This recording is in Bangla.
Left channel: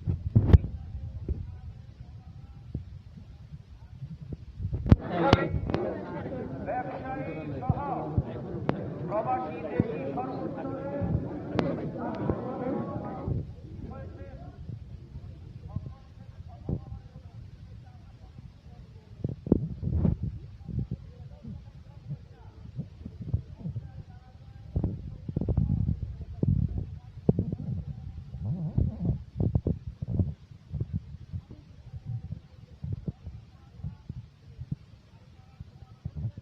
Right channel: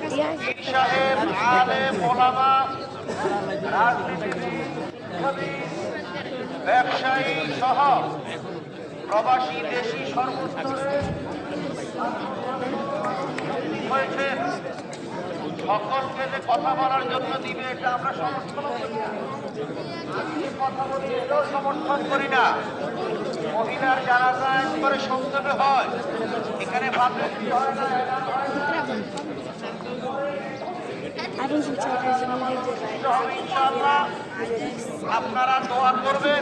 পীর সাহেব, আলেম, ওলামা, রাজনীতিবিদ, ব্যবসায়ী সহ প্রবাসী দেশি সর্বস্তরে হয়েছেন। সকলকে যে কথা বলার জন্য দিবে এটা আমরা সমর্থন করি না। কথা বলি এটাও সমর্থন করি না। মহিলার জানাজা একবারে সংক্ষেপে হয়, এখানে ভাবলেছি হয় না, ইনশাআল্লাহ। আপনারা দোয়া করবেন।